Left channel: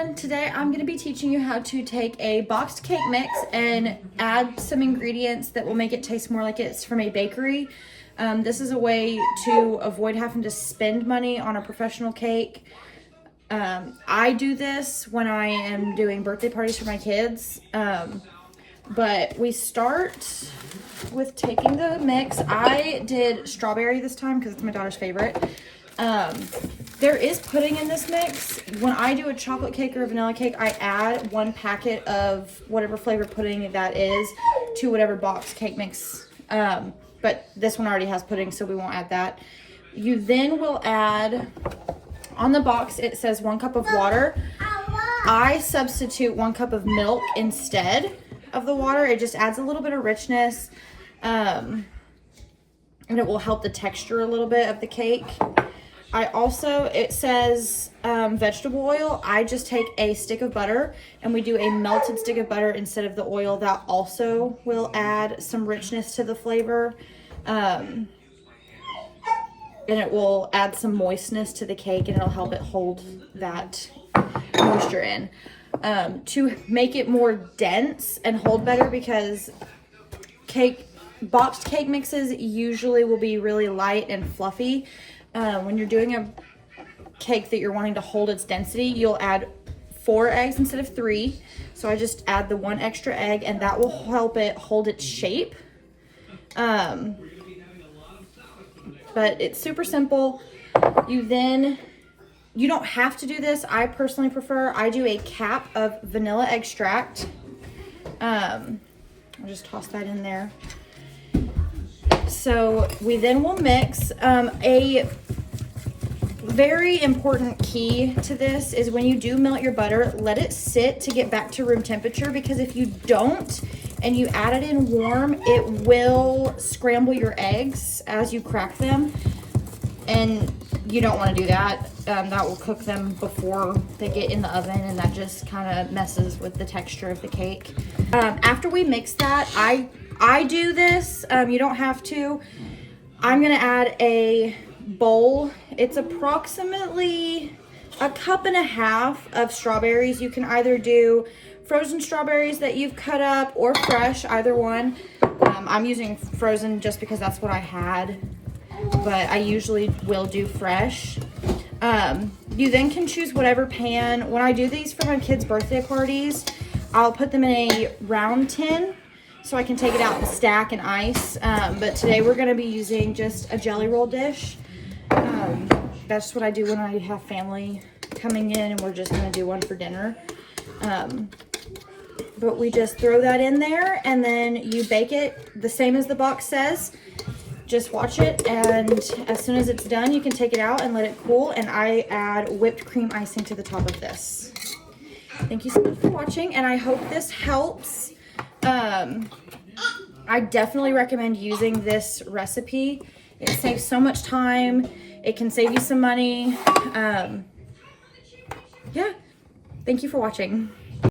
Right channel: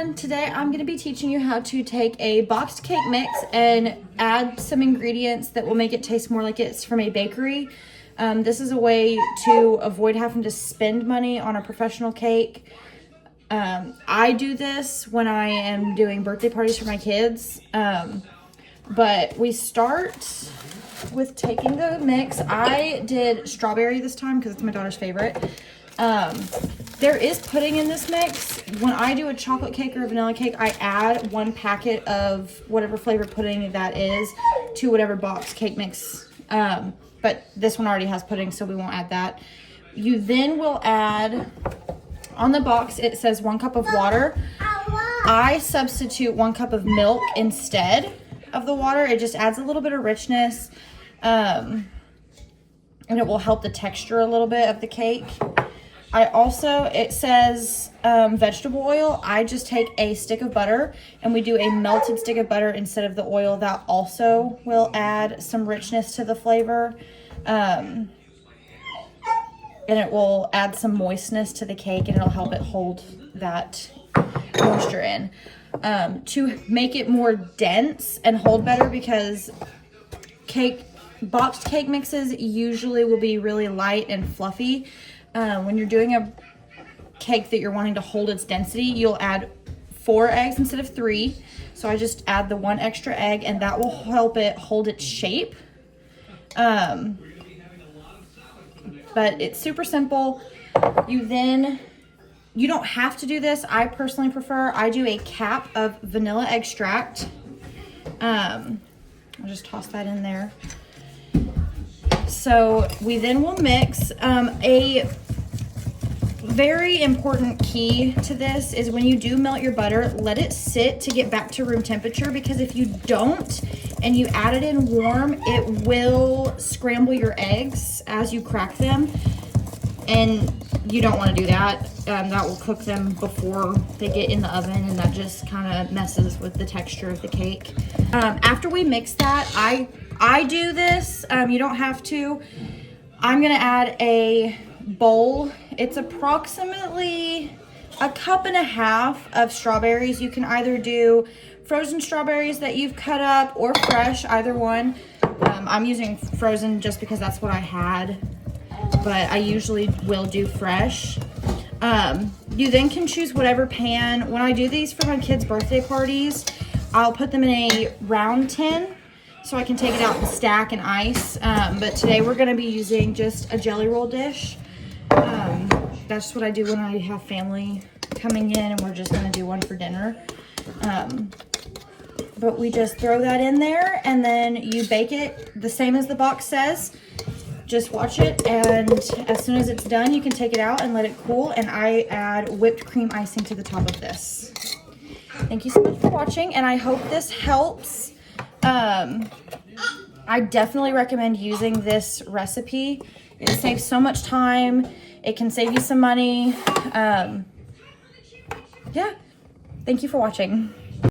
everyone, today I'm going to be teaching you how to take a boxed cake mix and add some ingredients that will make it taste more like it's from a bakery. This is a way to avoid having to spend money on a professional cake. I do this when I am doing birthday parties for my kids, but we start with taking the mix. I did strawberry this time because it's my daughter's favorite. There is pudding in this mix. When I do a chocolate cake or a vanilla cake, I add 1 packet of whatever flavor pudding that is to whatever box cake mix. But this one already has pudding, so we won't add that. You then will add, on the box, it says 1 cup of water. I substitute 1 cup of milk instead of the water. It just adds a little bit of richness, and it will help the texture a little bit of the cake. It says vegetable oil. I just take a stick of butter and we do a melted stick of butter instead of the oil. That also will add some richness to the flavor. And it will add some moistness to the cake, and it'll help it hold that moisture in. To make it more dense and hold better, because boxed cake mixes usually will be really light and fluffy. When you're doing a cake that you're wanting to hold its density, you'll add 4 eggs instead of 3. So I just add the 1 extra egg, and that will help it hold its shape. But it's super simple. You don't have to do this. I personally prefer, I do a cap of vanilla extract. I'll just toss that in there. So we then will mix. A very important key to this is when you do melt your butter, let it sit to get back to room temperature, because if you don't and you add it in warm, it will scramble your eggs as you crack them, and you don't want to do that. That will cook them before they get in the oven, and that just kind of messes with the texture of the cake. After we mix that, I do this, you don't have to. I'm gonna add a bowl. It's approximately 1.5 cups of strawberries. You can either do frozen strawberries that you've cut up or fresh, either one. I'm using frozen just because that's what I had, but I usually will do fresh. You then can choose whatever pan. When I do these for my kids' birthday parties, I'll put them in a round tin so I can take it out and stack and ice. But today we're gonna be using just a jelly roll dish. That's what I do when I have family coming in and we're just gonna do one for dinner. But we just throw that in there, and then you bake it the same as the box says. Just watch it, and as soon as it's done, you can take it out and let it cool, and I add whipped cream icing to the top of this. Thank you so much for watching, and I hope this helps. I definitely recommend using this recipe. It saves so much time. It can save you some money. Yeah, thank you for watching.